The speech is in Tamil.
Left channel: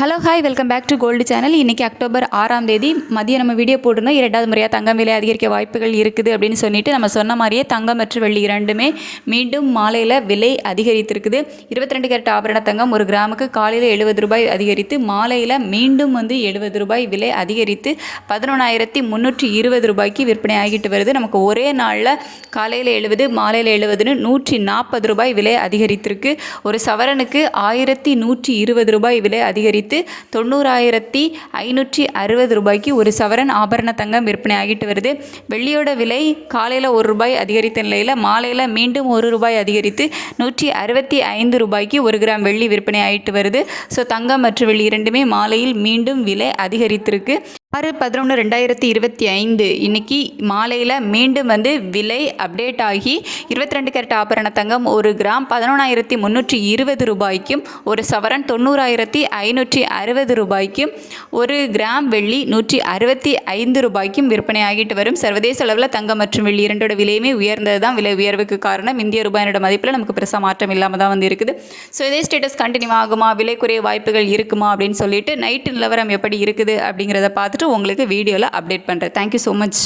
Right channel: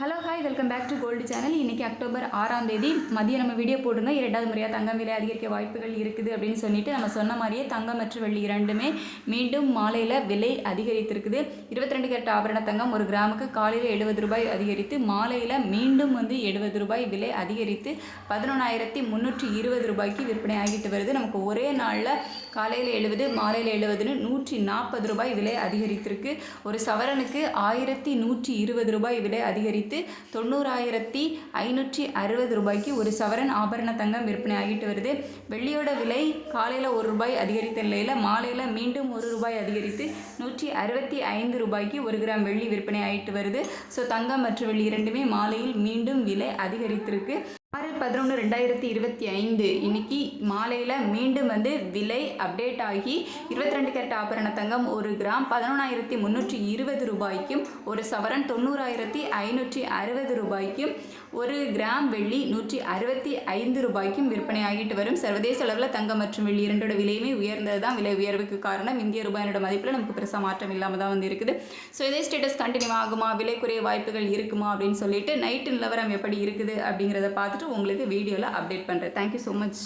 Hello hi welcome back to gold channel இன்றைக்கி அக்டோபர் ஆறாம் தேதி. மதியம் நம்ம வீடியோ போட்டிருந்தோம். இரண்டாவது முறையாக தங்கம் விலை அதிகரிக்க வாய்ப்புகள் இருக்குது அப்படின்னு சொல்லிட்டு நம்ம சொன்ன மாதிரியே தங்கம் மற்றும் வெள்ளி இரண்டுமே மீண்டும் மாலையில் விலை அதிகரித்திருக்குது. இருபத்தி ரெண்டு கேரட் ஆபரண தங்கம் ஒரு கிராமுக்கு காலையில் எழுபது ரூபாய் அதிகரித்து மாலையில் மீண்டும் வந்து எழுபது ரூபாய் விலை அதிகரித்து பதினொன்றாயிரத்தி முந்நூற்றி இருபது ரூபாய்க்கு விற்பனை ஆகிட்டு வருது. நமக்கு ஒரே நாளில் காலையில் எழுபது மாலையில் எழுபதுன்னு நூற்றி நாற்பது ரூபாய் விலை அதிகரித்திருக்கு. ஒரு சவரனுக்கு ஆயிரத்தி நூற்றி இருபது ரூபாய் விலை அதிகரித்து தொண்ணூறாயிரத்தி ஐநூற்றி அறுபது ரூபாய்க்கு ஒரு சவரன் ஆபரண தங்கம் விற்பனை ஆகிட்டு வருது. வெள்ளியோட விலை காலையில் ஒரு ரூபாய் அதிகரித்த நிலையில் மாலையில் மீண்டும் ஒரு ரூபாய் அதிகரித்து நூற்றி அறுபத்தி ஐந்து ரூபாய்க்கு ஒரு கிராம் வெள்ளி விற்பனை ஆகிட்டு வருது. ஸோ தங்கம் மற்றும் வெள்ளி இரண்டுமே மாலையில் மீண்டும் விலை அதிகரித்திருக்கு. ஆறு பதினொன்று ரெண்டாயிரத்தி இருபத்தி ஐந்து. இன்னைக்கு மாலையில் மீண்டும் வந்து விலை அப்டேட் ஆகி இருபத்தி ரெண்டு கேரட் ஆபரண தங்கம் ஒரு கிராம் பதினொன்றாயிரத்தி முந்நூற்றி இருபது ரூபாய்க்கும் ஒரு சவரன் தொண்ணூறாயிரத்தி ஐநூற்றி அறுபது ரூபாய்க்கும் ஒரு கிராம் வெள்ளி நூற்றி அறுபத்தி ஐந்து ரூபாய்க்கும் விற்பனை ஆகிட்டு வரும். சர்வதேச அளவில் தங்கம் மற்றும் வெள்ளி இரண்டோட விலையுமே உயர்ந்தது தான். விலை உயர்வுக்கு காரணம் இந்திய ரூபாயினோட மதிப்பில் நமக்கு பெருசாக மாற்றம் இல்லாமல் தான் வந்து இருக்குது. ஸோ இதே ஸ்டேட்டஸ் கண்டினியூ ஆகுமா? விலை குறைய வாய்ப்புகள் இருக்குமா? அப்படின்னு சொல்லிட்டு நைட்டு நிலவரம் எப்படி இருக்குது அப்படிங்கிறத பார்த்துட்டு உங்களுக்கு வீடியோவில் அப்டேட் பண்ணுறேன் தேங்க்யூ ஸோ மச்